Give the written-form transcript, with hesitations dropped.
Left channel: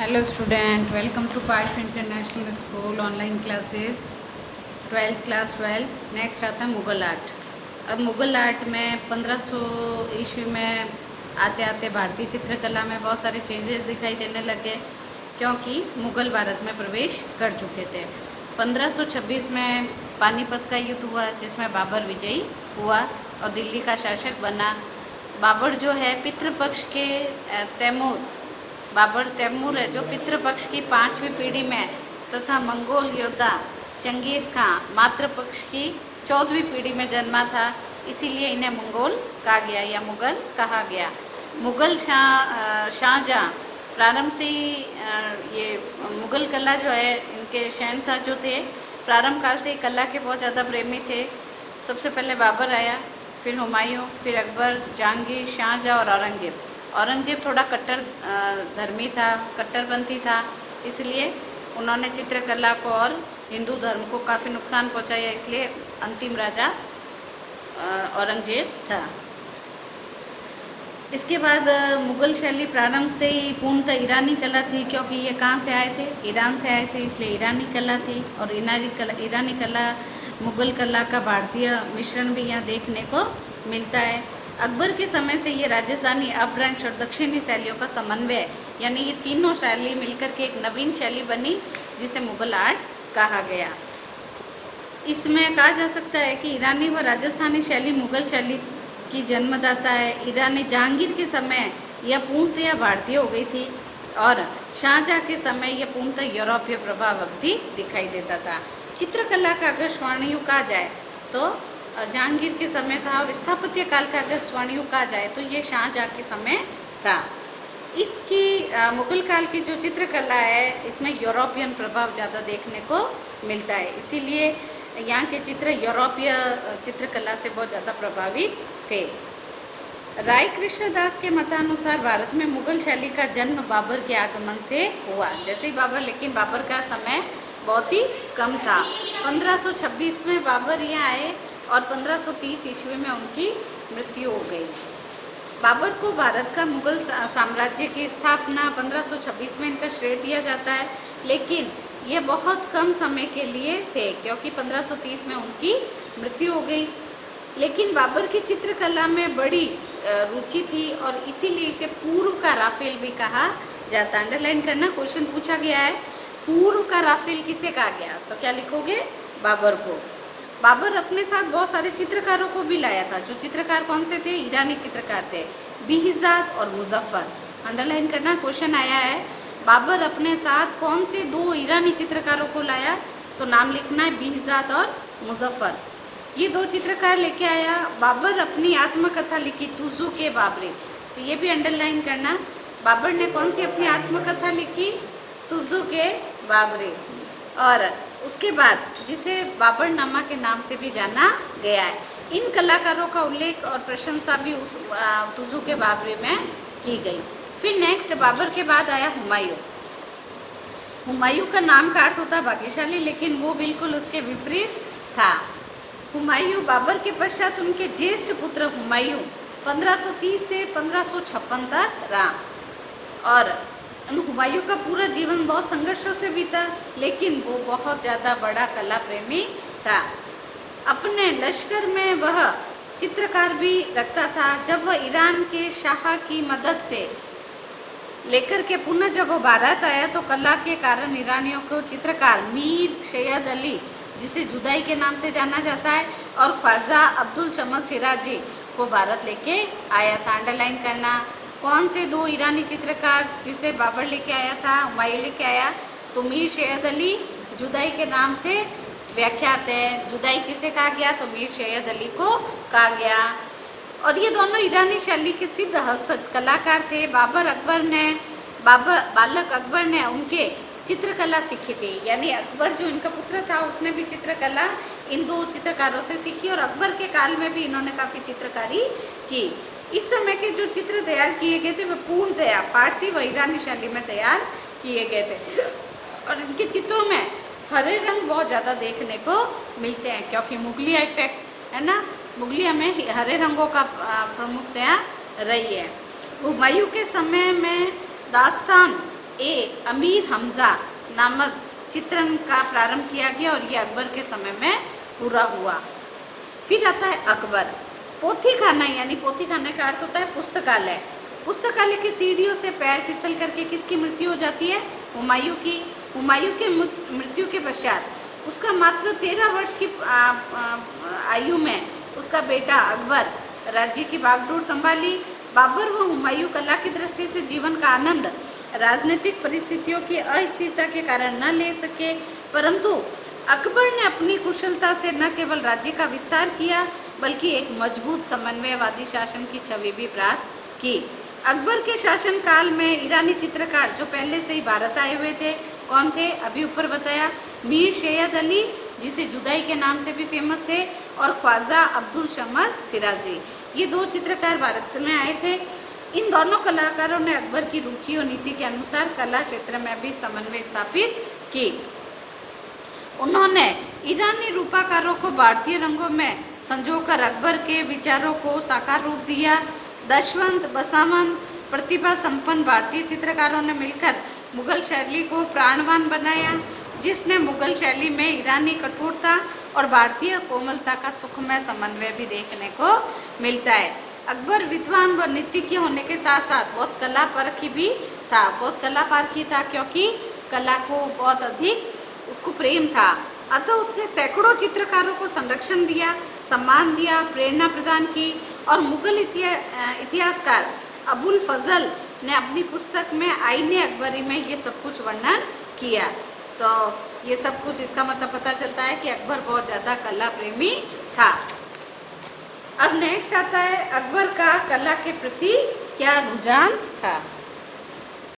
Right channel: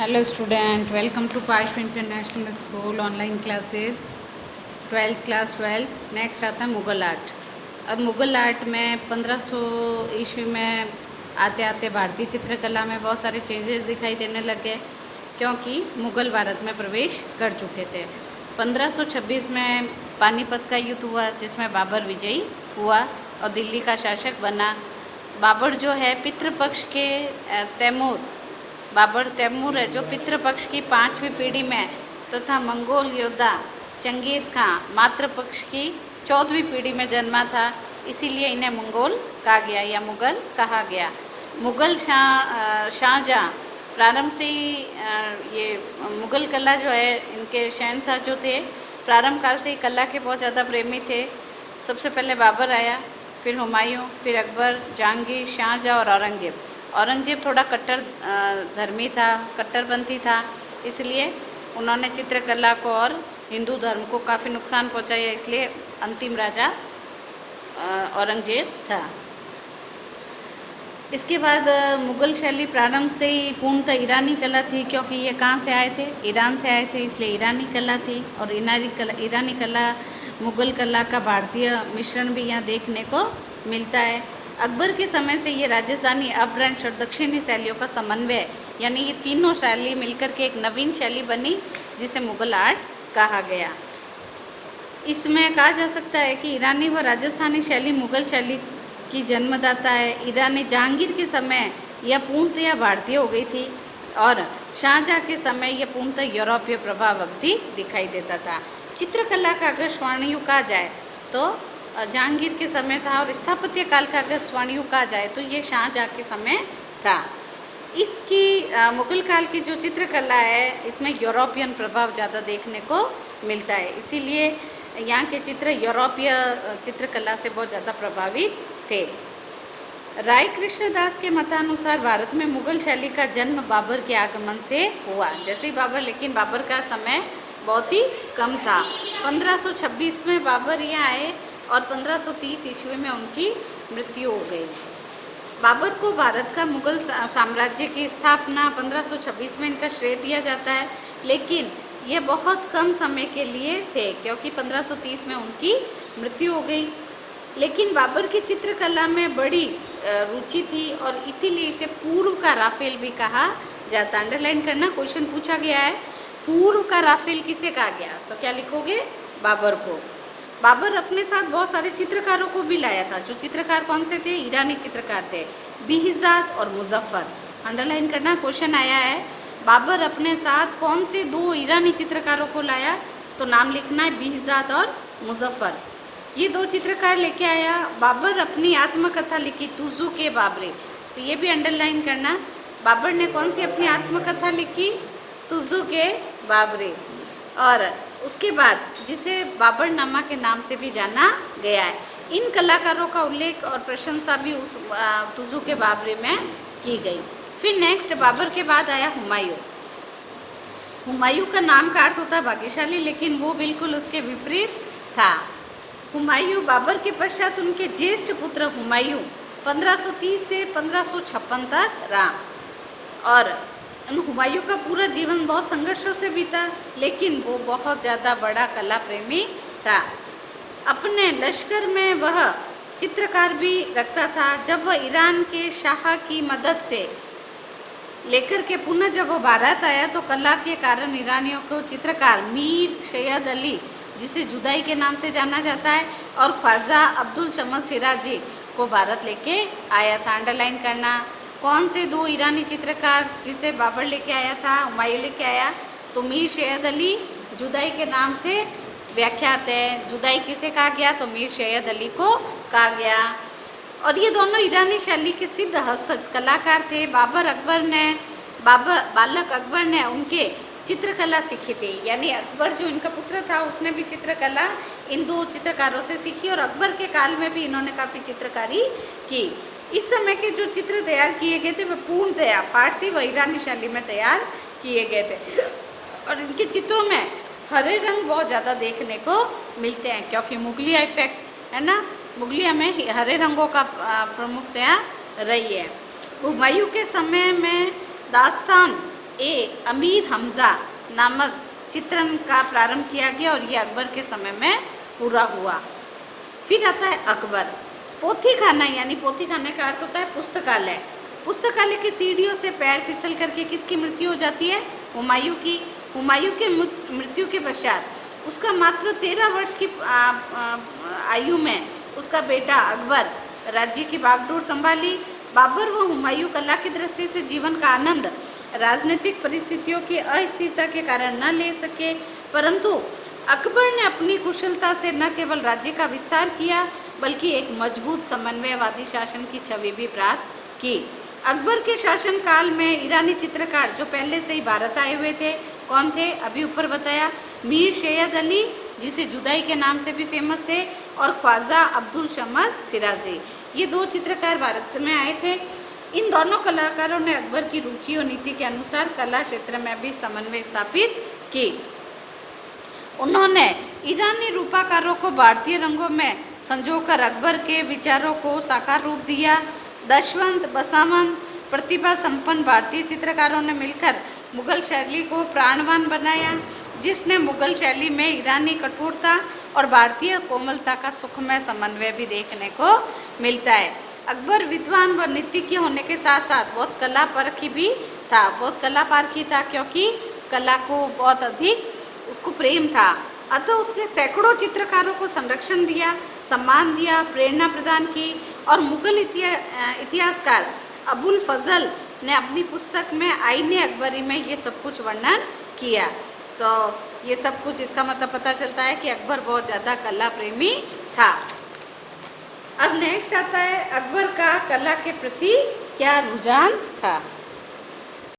Hello student, welcome to Pashp International School online classes 12th class 12th। Next आता है Mughal art. अब Mughal art में 1500 ईस्वी में आते आते भारतीय चित्रकला में बहुत सारे चेंजेस दिखाई देने लगे क्योंकि मुग़ल भारत में प्रवेश कर चुके थे। 1526 में पानीपत का युद्ध हुआ जिसमें बाबर विजयी हुआ और दिल्ली का शासक बना। बाबर जो है पितृपक्ष के बाबर तैमूर है जो पितृपक्ष की 5वीं पीढ़ी में तथा मंगोल योद्धा चंगेज़ खां मातृपक्ष की 14वीं पीढ़ी में जन्मा था, इसीलिए इन्हें मंगोल कहा गया या मुग़ल कहा गया। मुग़ल शाहजहाँ प्रारंभ से ही ये मुग़ल कला जो है इनके शहंशाह जो थे प्रारंभ काल से ही कला के बहुत ज़्यादा प्रेमी थे। सबसे पहले बाबर आया, फिर हुमायूं, फिर अकबर, जहांगीर, शाहजहाँ और औरंगजेब। औरंगजेब थोड़ा कट्टर धर्मी था, कट्टरपंथी था, इसलिए उन्होंने चित्रकला को और हिंदू धर्म को काफ़ी नुकसान पहुंचाया, इसलिए अंतिम राजा औरंगजेब था। इसके बाद मुग़ल शैली प्रारंभ से ही पूर्णतः ईरानी कला थी क्योंकि ये कहाँ से आए थे, ईरान से आए थे, इसलिए ईरानी कला थी। और ईरानी कला मुग़ल कला का भारतीय मिश्रण भी यहाँ देखने को मिलता है। अकबर के समय से ये राजस्थानी, अपभ्रंश और दक्षिणी शैलियों का समन्वय यानी ये तीनों शैली मिलकर के एक नवीन शैली बनी जिसे मुग़ल आर्ट कहा गया। इसमें कहा जा सकता है कि ईरानी व राजस्थानी शैली मुग़ल शैली की जन्मदाता है। ईरानी जहांगीर के समय यह पूर्णतया भारतीय हो गई थी और शाहजहाँ के समय यह पूर्णतः यूरोपीय प्रभाव भी दिखाई देता था। चित्रकला का अगर स्वर्णयुग कहा जाए तो जहांगीर के समय था और स्थापत्य काल का अगर स्वर्णयुग कहा जाए तो ये शाहजहाँ के समय था। इसकी मुग़ल काल की जो चित्रकला है इसमें यूरोपियन प्रभाव ज़्यादा देखने को मिलता है, इसीलिए यहाँ के चित्र यूरोपीय चित्रकला से बहुत ज़्यादा प्रभावित थे। राय कृष्णदास के मतानुसार भारत में मुग़ल शैली का जन्म बाबर के आगमन से हुआ। जैसे ही लेकिन बाबर का समय बहुत ही कम था। 1526 में बाबर यहाँ आए और 1530 ईस्वी में उनकी मृत्यु हो गई। बाबर को भारत का मुग़ल साम्राज्य की स्थापना 1526 में इनका श्रेय दिया जाता है, लेकिन ये बहुत कम समय के लिए थे क्योंकि 1530 में उनकी मृत्यु हो गई। लेकिन बाबर की चित्रकला में बड़ी रुचि थी और इसीलिए इसे पूर्व का राफेल भी कहा जाता है। अंडरलाइन करना, क्वेश्चन पूछा गया है पूर्व का राफेल किसे कहा गया, तो क्या लिखोगे, बाबर को। बाबर अपने साथ बहुत सारे चित्रकारों को भी लाया था। जो चित्रकार कौन से थे, ईरानी चित्रकार थे, बिहिजाद और मुजफ्फर। अंडरलाइन करना, क्वेश्चन आया है बाबर अपने साथ कौन से दो ईरानी चित्रकारों को लाया, तो नाम लिखना है बिहिजाद और मुजफ्फर। ये दो चित्रकार लेके आया। बाबर अपनी आत्मकथा लिखी तुजू के बाबरे, तो ये भी अंडरलाइन करना। बाबर ने कौन सी अपनी आत्मकथा लिखी, तुजू के बाबरे। और उसके बाद जिसे बाबरनामा के नाम से भी जाना गया है। इन कलाकारों का उल्लेख और प्रशंसा भी उस तुजू के बाबरे में की गई। फिर नेक्स्ट बाबर के बाद आया हुमायूं। हुमायूं का नाम का अर्थ होता है भाग्यशाली, लेकिन वो बिल्कुल उसके विपरीत था। हुमायूं बाबर के पश्चात उनके ज्येष्ठ पुत्र हुमायूं 1530 से 1556 तक रहा और हुमायूं का पूरा जीवन बहुत संघर्षों से बीता, लेकिन वो बहुत ज़्यादा बड़ा कला प्रेमी था। अपने लश्कर में वह चित्रकार भी रखता था। जब वह ईरान के शाह की मदद से लेकर के पुनः जब वह भारत आया तो कला के कारण ईरानियों को चित्रकार मीर सैयद अली, जिसे जुदाई के नाम से जाना जाता है, और ख्वाजा अब्दुल शमस शिराजी को भारत लेके आया था। अंडरलाइन करना, कौन से दो ईरानी चित्रकार जिसे बाबर लेके आया था, हुमायूं लेके आया, तो मीर सैयद अली जुदाई के नाम से व्याख्यात है। जुदाई किसे कहा गया, तो मीर सैयद अली को कहा गया। और ये दोनों ईरानी शैली के सिद्ध हस्त कलाकार थे। बालक अकबर ने उनके चित्रकला सीखी थी, यानी अकबर जो इनका पुत्र था उसने भी चित्रकला इन दो चित्रकारों से सीखी और अकबर के काल में भी इन्होंने काफ़ी चित्रकारी की। इस समय के जो चित्र तैयार किए गए थे वे पूर्णतया फारसी व ईरानी शैली में तैयार किए गए थे और इनके चित्रों में हरे रंग बहुत ज़्यादा देखने को मिलते हैं क्योंकि मुगलिया इफेक्ट है ना, मुगलिया में हरे रंगों का प्रमुखतया रही है। हुमायूं के समय में दास्तान ए अमीर हमज़ा नामक चित्रण का प्रारंभ किया गया और ये अकबर के समय में पूरा हुआ। फिर आता है अकबर। पोथी खाना यानी पोथी खाने का अर्थ होता है पुस्तकालय। पुस्तकालय की सीढ़ियों से पैर फिसल करके किसकी मृत्यु हो जाती है? हुमायूं की। हुमायूं के मृत्यु के पश्चात उसका मात्र 13 वर्ष की आयु में उसका बेटा अकबर राज्य की बागडोर संभाली। बाबर व हुमायूं कला की दृष्टि से जीवन का आनंद राजनीतिक परिस्थितियों की अस्थिरता के कारण न ले सके, परंतु अकबर ने अपनी कुशलता से न केवल राज्य का विस्तार किया बल्कि एक मजबूत समन्वयवादी शासन की छवि भी प्राप्त की। अकबर के शासन काल में ईरानी चित्रकार जो पहले से ही भारत आए हुए थे, कौन थे? अभी ऊपर बताया, मीर सैयद अली जिसे जुदाई के नाम से भी फेमस थे, और ख्वाजा अब्दुल समद सिराजी, ये 2 चित्रकार भारत में आए थे। इन दोनों कलाकारों ने अकबर की रुचि और नीति के अनुसार कला क्षेत्र में भी समन्वय स्थापित की। उन्होंने ईरानी रूपाकारों को भारतीय रंगों में संजोकर अकबर के विचारों को साकार रूप दिया। दशवंत बसावन प्रतिभा संपन्न भारतीय चित्रकारों ने मिलकर मुगल शैली को प्राणवान बनाया, जिसने मुगल शैली में ईरानी कठोरता और भारतीय कोमलता का सुखमय समन्वय भी देखने को मिलता है। अकबर विद्वान व नीतिज्ञ होने के साथ साथ बहुत कला परखी भी था, बहुत कला पारखी था, क्योंकि कला को बहुत अधिक उसको प्रेम था। अतः उसने सैकड़ों चित्रकारों को संरक्षण दिया, सम्मान दिया, प्रेरणा प्रदान की, और मुगल इतिहासकार अबुल फजल ने अपनी पुस्तक में आईने अकबरी में ये सब कुछ वर्णन किया। तो ये सब कुछ इसका मतलब पता चलता है कि अकबर बहुत ज़्यादा कला प्रेमी था। अब नेक्स्ट आता है अकबर का कला के प्रति क्या रुझान था।